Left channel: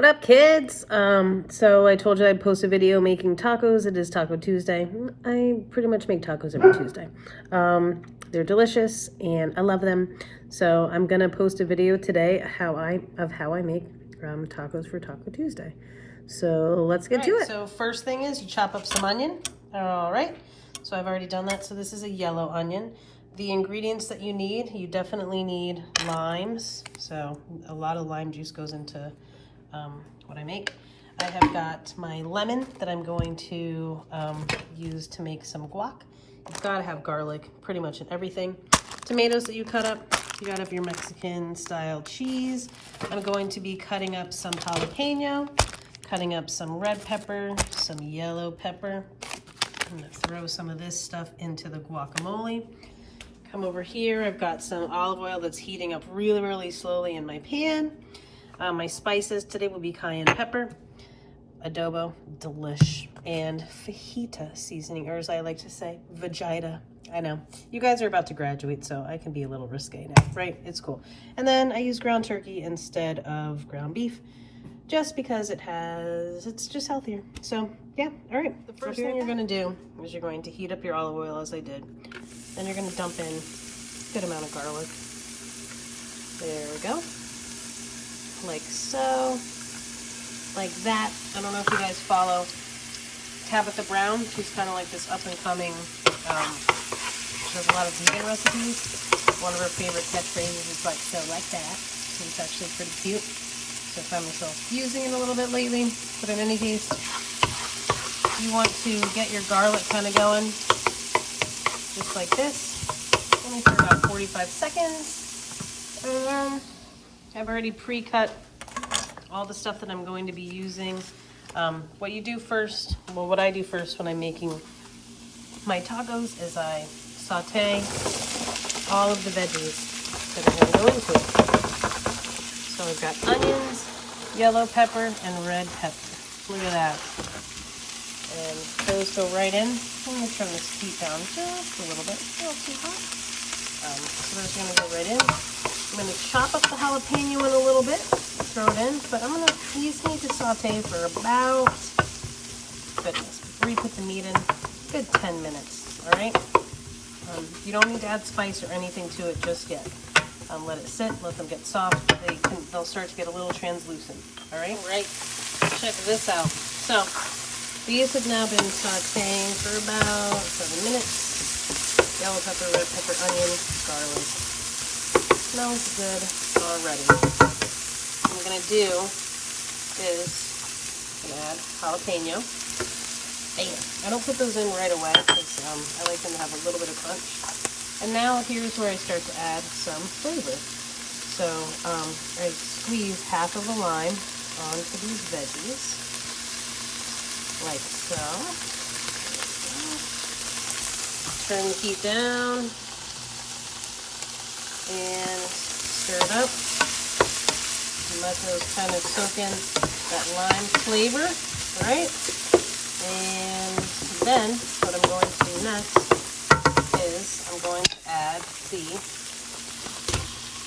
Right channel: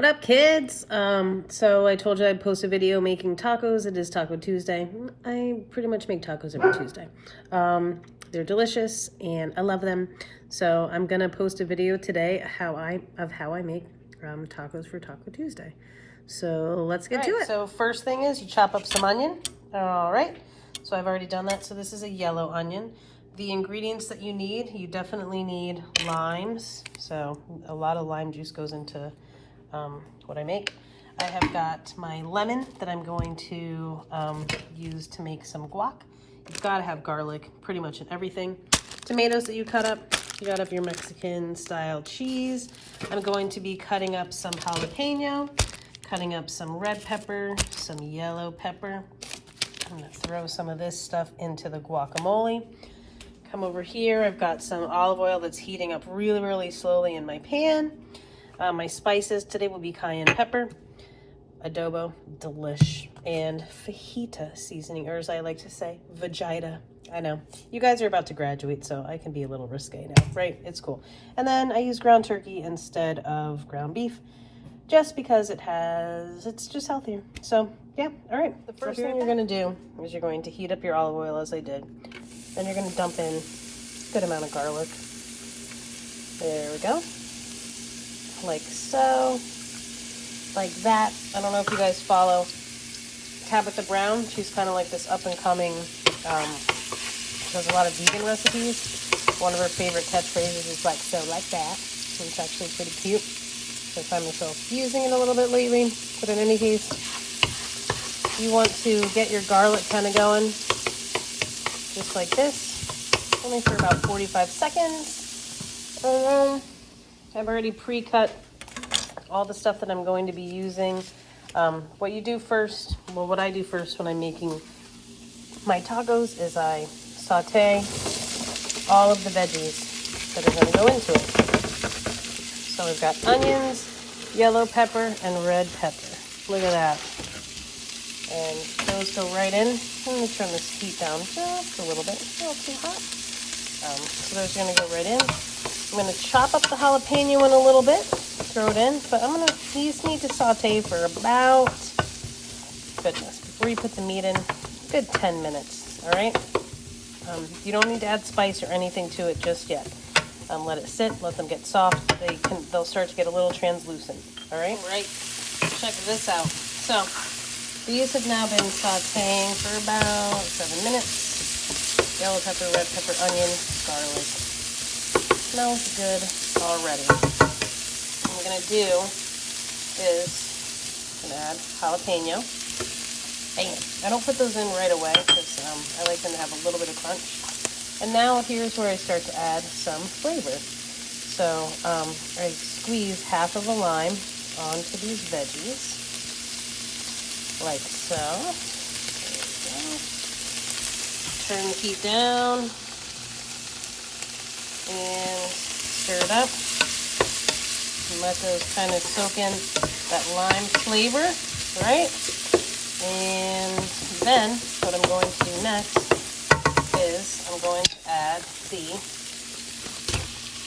What up, kids? So I told you I'd post a video making tacos. It is Taco Tuesday. I pretty much make tacos every Tuesday. They're delicious and I love them. So I'm gonna post a video today of how I make tacos for Taco Tuesday. So let's get to it. So first thing is you chop up some onion. All right. So I've already done that. So this is a yellow onion. The ingredients that you need, you definitely need limes. So a lot of lime juice goes into what I make. I have got my lemon that I'm going to use to make some guac. You've got to have garlic pretty much in everything. Tomatoes that you cut up. You got to have your Mexican style cheese. I'm going to be cutting up some jalapeno, cutting up some red pepper, some yellow pepper. I'm going to throw some of this stuff into the guacamole. Come over here, I've got some olive oil that's heating up really, really slowly in my pan. My spices today will be cayenne pepper, adobo, delish, and fajita seasoning, or as I like to say, vegeta. I know, you guys are about to graduate, so I can be a little risque now, right? It's cool. And then I use ground turkey instead of ground beef, just because it's just healthier. So yeah, all right. The first thing you're gonna do is you're going to heat up your olive oil as I did. Then you're gonna dump in a good amount of garlic. There we go. Like so, like that. I don't know if you guys follow Tabitha Brown. She's kind of like this up and coming, she has a lot of vegan recipes. One of her favorite catchphrases is like, so like that. So it's actually pretty cute. So I find myself using it a little bit lately. But in any case, you want to get your garlic kind of going, just like this. Only for about 45 seconds. And I've already pre-cut all the stuff that I'm going to be using. What you do first, well, what I do first when I'm making my tacos is I saute all of the veggies that are going to go into it. So I've got onions, yellow pepper, and red pepper. Look at that. And those go right in. I'm going to turn this heat down just a little bit. So those are going to go right in. I'm going to chop up the jalapeno in a little bit, throw it in, but these need to saute for about, goodness, before you put the meat in, a good 10 minutes, all right? You don't need to add spice or anything to it just yet. Let it sit, let them get soft. They'll start to get a little translucent, all right? All right, check this out. So, these have now been sauteing for about 7 minutes. Yellow pepper, red pepper, onion, garlic. Smells good already. What we're gonna do is add jalapeno. Bam. I don't put those in right away because I like them to have a little bit of crunch. And now here's where I start to add some flavor. So I squeeze half of a lime onto these veggies, like so. Turn the heat down and stir it up and let those kind of soak in that lime flavor, right? And then what I'm going to do next is I'm going to add the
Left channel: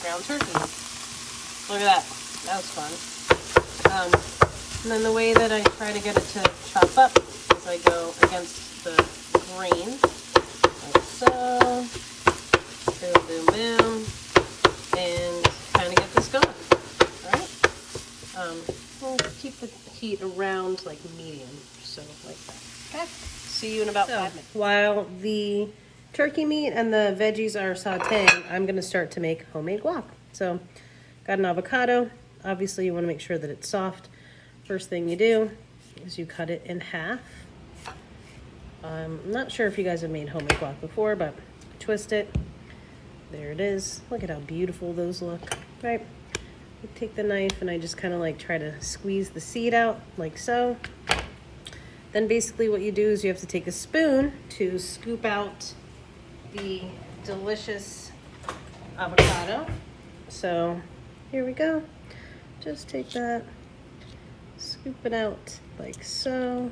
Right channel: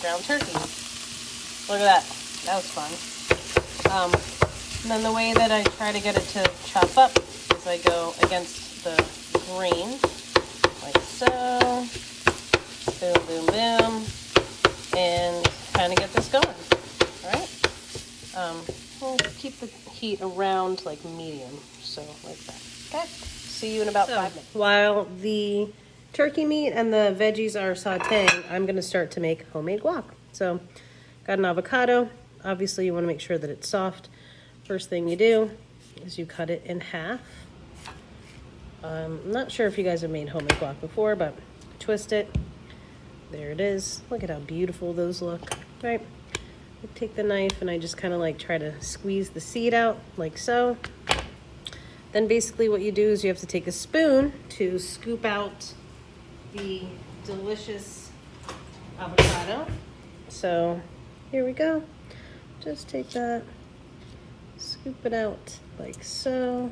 ground turkey. Look at that. That was fun. And then the way that I try to get it to chop up is I go against the grain, like so. Boom, boom, boom. And kind of get this going. Alright? We'll keep the heat around like medium. So like that. Okay. See you in about 5 minutes. While the turkey meat and the veggies are sauteing, I'm going to start to make homemade guac. So, got an avocado. Obviously, you want to make sure that it's soft. First thing you do is you cut it in half. I'm not sure if you guys have made homemade guac before, but twist it. There it is. Look at how beautiful those look, right? I take the knife and I just kind of like try to squeeze the seed out like so. Then basically what you do is you have to take a spoon to scoop out the delicious avocado. So here we go. Just take that, scoop it out like so.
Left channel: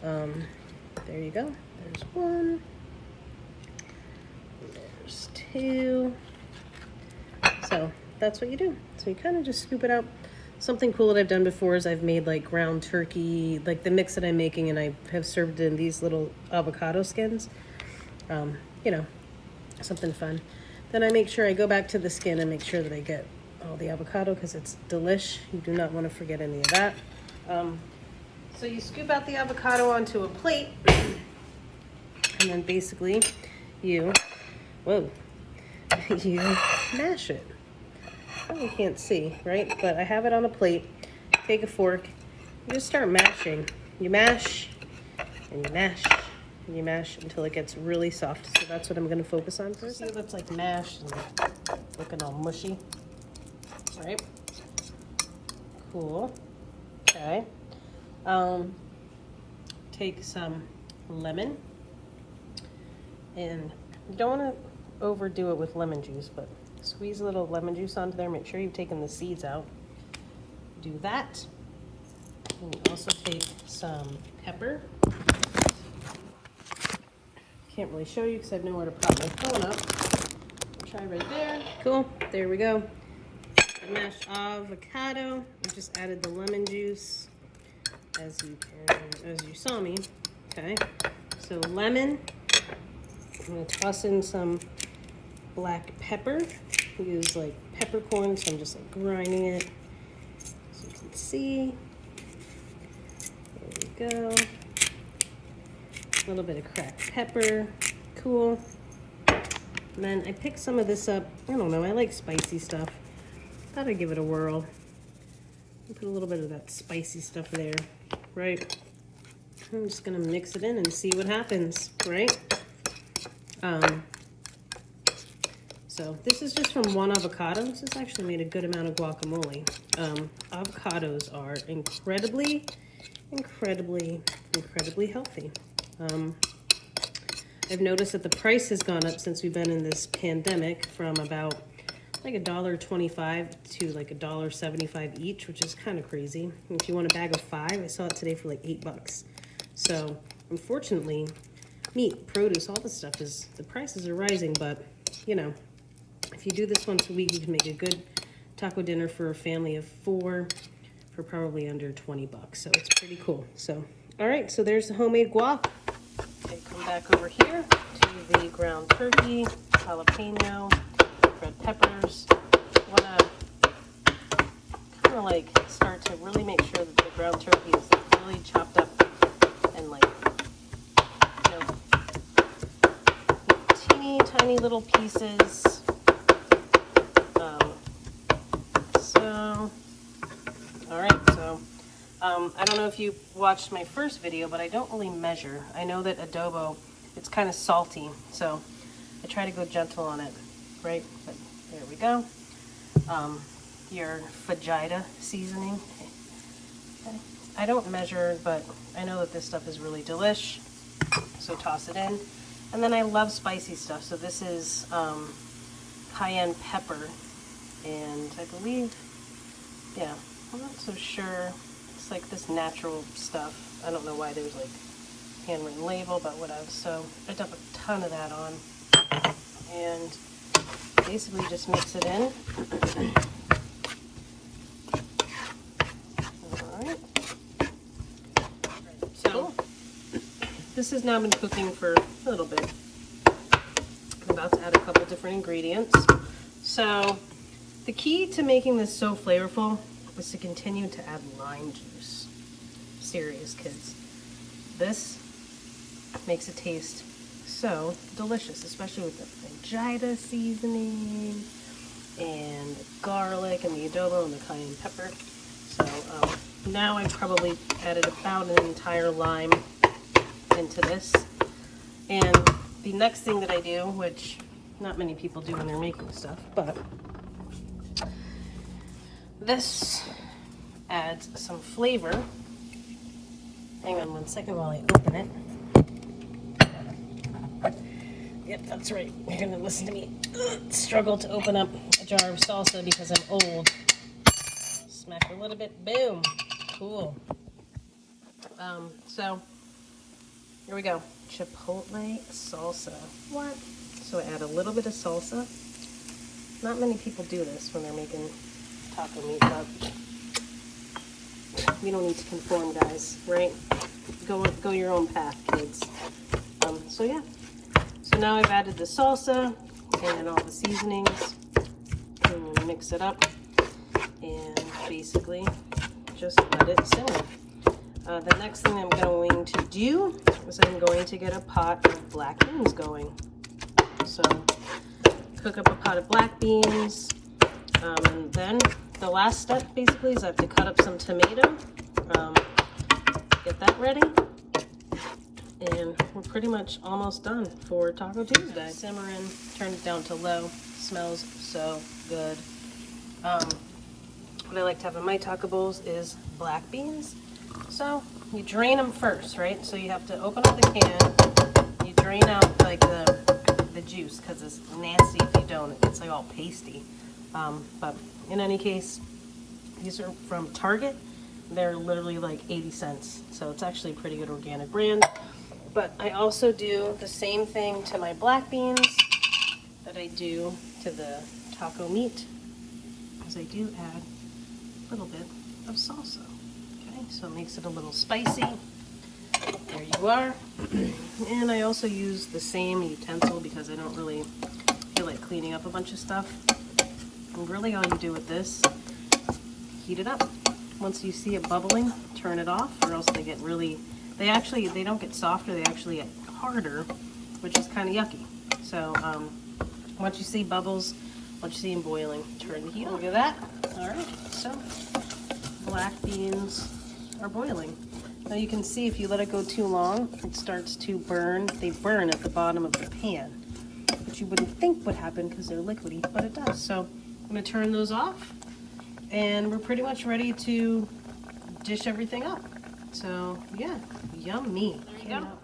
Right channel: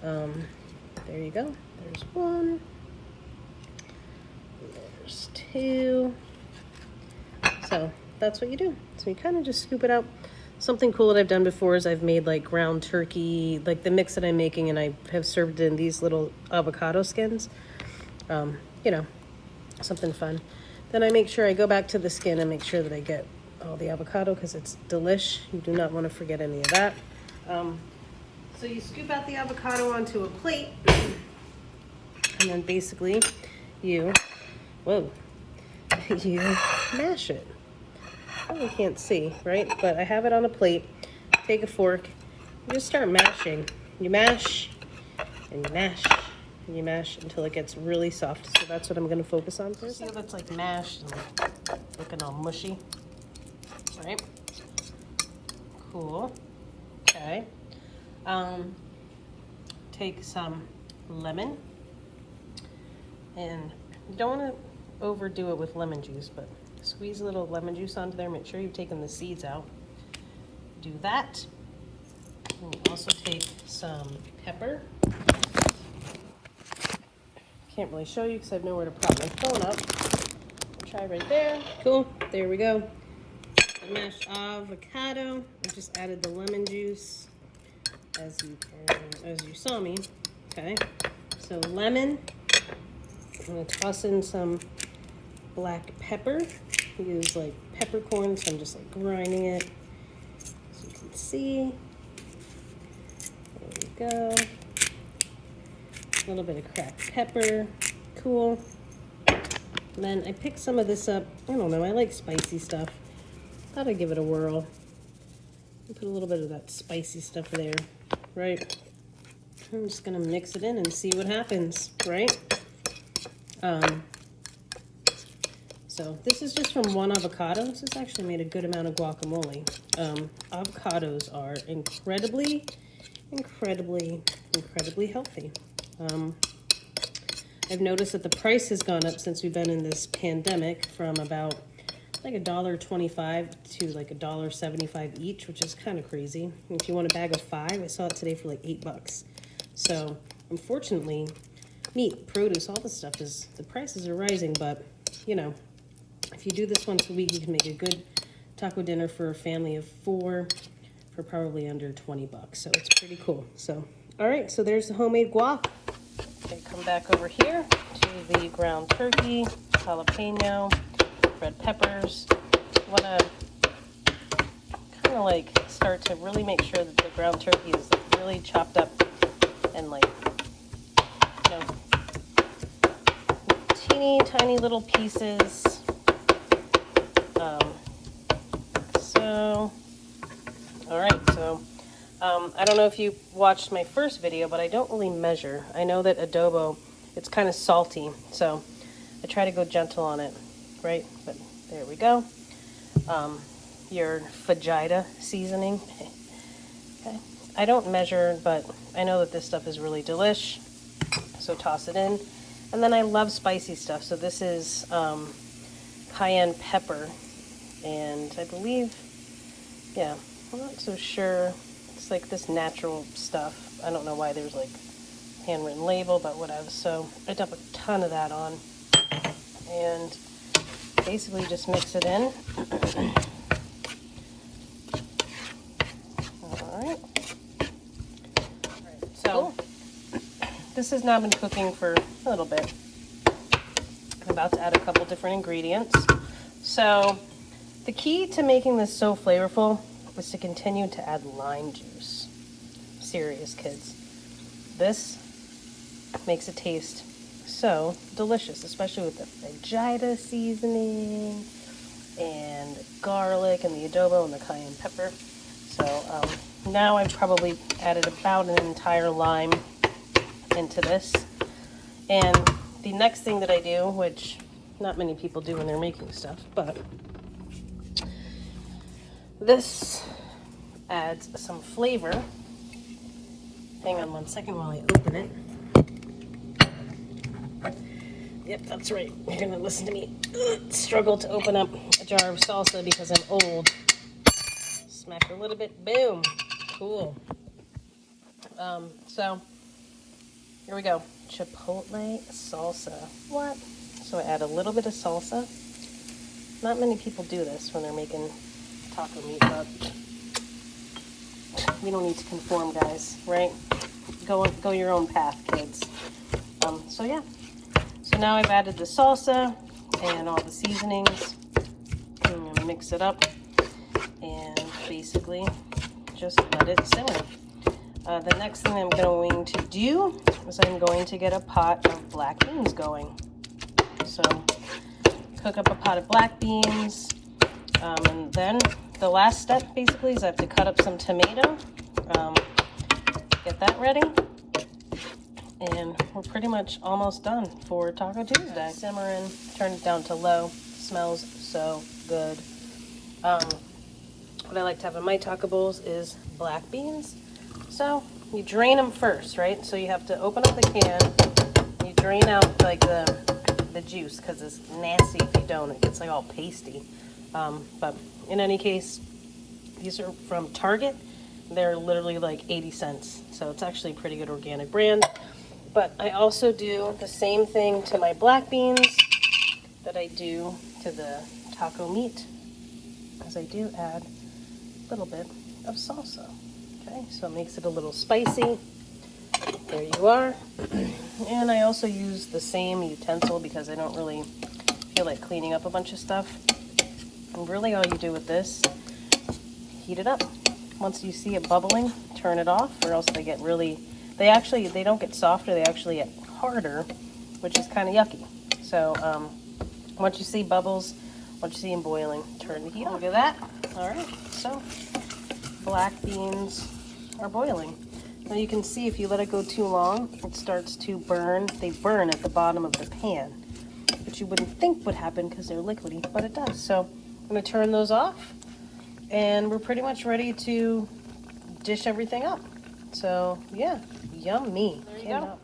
There you go. There's one. There's two. So that's what you do. So you kind of just scoop it out something cool that I've done before is I've made like ground turkey, like the mix that I'm making, and I have served in these little avocado skins. You know, something fun. Then I make sure I go back to the skin and make sure that I get all the avocado because it's delish. You do not want to forget any of that. So you scoop out the avocado onto a plate, and then basically you mash it. Probably can't see, right? But I have it on a plate. Take a fork, you just start mashing. You mash, and you mash, and you mash until it gets really soft. So that's what I'm gonna focus on first. See, that's like mashed and looking all mushy. All right, cool, okay. Take some lemon, and you don't want to overdo it with lemon juice, but squeeze a little lemon juice onto there. Make sure you've taken the seeds out. Do that. And you also take some pepper. Can't really show you because I have nowhere to prop my phone up. Try right there. Cool. There we go. The mashed avocado. I just added the lemon juice, as you saw me. Okay. So lemon. I'm gonna toss in some black pepper. Use like peppercorn, so I'm just like grinding it. So you can see. There we go. A little bit of cracked pepper. Cool. And then I picked some of this up. I don't know, I like spicy stuff. Thought I'd give it a whirl. Put a little bit of that spicy stuff there, right? I'm just gonna mix it in and see what happens, right? So this is just from one avocado. This has actually made a good amount of guacamole. Avocados are incredibly healthy. I've noticed that the price has gone up since we've been in this pandemic from about like $1.25 to like $1.75 each, which is kind of crazy. And if you want a bag of 5, I saw it today for like $8. So unfortunately, meat, produce, all this stuff the prices are rising, but you know, if you do this once a week, you can make a good taco dinner for a family of 4 for probably under $20. So it's pretty cool. So, all right, so there's the homemade guac. And come back over here to the ground turkey, jalapeno, red peppers. Want to kind of like start to really make sure that the ground turkey is like really chopped up and like, you know, teeny tiny little pieces. I don't know if you watched my first video, but I don't really measure. I know that adobo, it's kind of salty, so I try to go gentle on it, right? But there we go. Your fajita seasoning. Okay. I don't measure, but I know that this stuff is really delish, so toss it in. And then I love spicy stuff, so this is cayenne pepper, and I believe, yeah, I'm not so sure. It's like this natural stuff. I don't know why there's a handwritten label, but whatever. So I dump a ton of that on and basically just mix it in. Alright. So this has now been cooking for a little bit. I'm about to add a couple different ingredients. So the key to making this so flavorful was to continue to add lime juice. Serious, kids. This makes it taste so delicious, especially with the fajita seasoning and the garlic and the adobo and the cayenne pepper. So now I've probably added about an entire lime into this. And the next thing that I do, which not many people do when they're making stuff, but this adds some flavor. Hang on one second while I open it. Yep, that's right. You're gonna listen to me struggle to open up a jar of salsa because I'm old. Smack a little bit, boom. Cool. So here we go. Chipotle salsa. What? So I add a little bit of salsa. Not many people do this when they're making taco meat, but You don't need to conform, guys, right? Go your own path, kids. So yeah. So now I've added the salsa and all the seasonings. I'm gonna mix it up and basically just let it simmer. The next thing I'm going to do is I'm going to get a pot of black beans going. So cook up a pot of black beans, and then the last step basically is I have to cut up some tomato, get that ready, and we're pretty much almost done for Taco Tuesday. Simmering, turn it down to low, smells so good. What I like to have in my taco bowls is black beans. So you drain them first, right? So you have to open up the can, you drain out like the juice, because it's nasty if you don't. It gets like all pasty. But in any case, these are from Target. They're literally like 80 cents. So it's actually a pretty good organic brand. But I also do the same thing to my black beans that I do to the taco meat, because I do add a little bit of salsa. Okay, so it makes it a little spicy. There you are. And I also use the same utensil because I don't really feel like cleaning up a bunch of stuff. And really all you do with this, heat it up. Once you see it bubbling, turn it off, or else they get really, they don't get softer, they actually get harder, which is kind of yucky. So once you see bubbles, once you see them boiling, turn the heat on. Look at that. All right, so black beans are boiling. Now you can see if you let it go too long, it starts to burn. They burn at the bottom of the pan, which you wouldn't think would happen because they're liquidy, but it does. So I'm gonna turn those off, and we're pretty much ready to dish everything up. So yeah, yummy. There you go.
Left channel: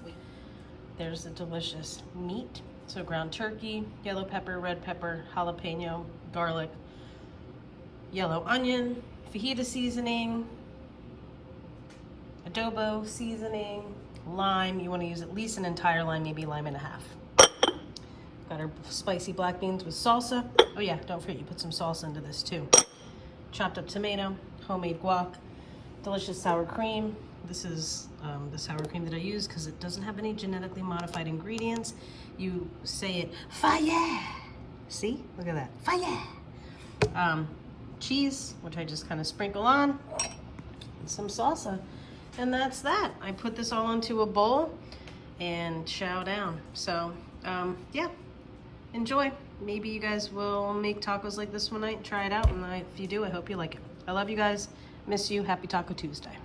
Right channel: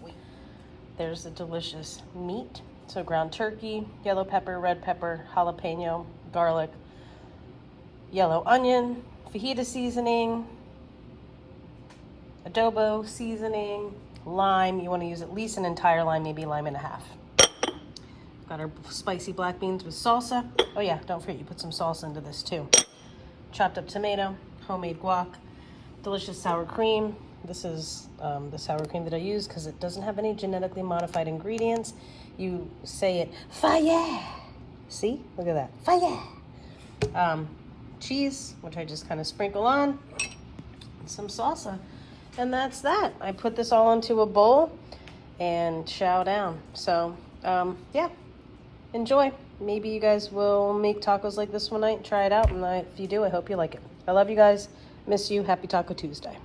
There's the delicious meat. So ground turkey, yellow pepper, red pepper, jalapeno, garlic, yellow onion, fajita seasoning, adobo seasoning, lime. You want to use at least an entire lime, maybe lime and a half. Got our spicy black beans with salsa. Oh yeah, don't forget you put some salsa into this too. Chopped up tomato, homemade guac, delicious sour cream. This is the sour cream that I use because it doesn't have any genetically modified ingredients. You say it, fire! See? Look at that, fire! Cheese, which I just kind of sprinkle on, and some salsa. And that's that. I put this all into a bowl and chow down. So, yeah, enjoy. Maybe you guys will make tacos like this one night, try it out, and if you do, I hope you like it. I love you guys. Miss you. Happy Taco Tuesday.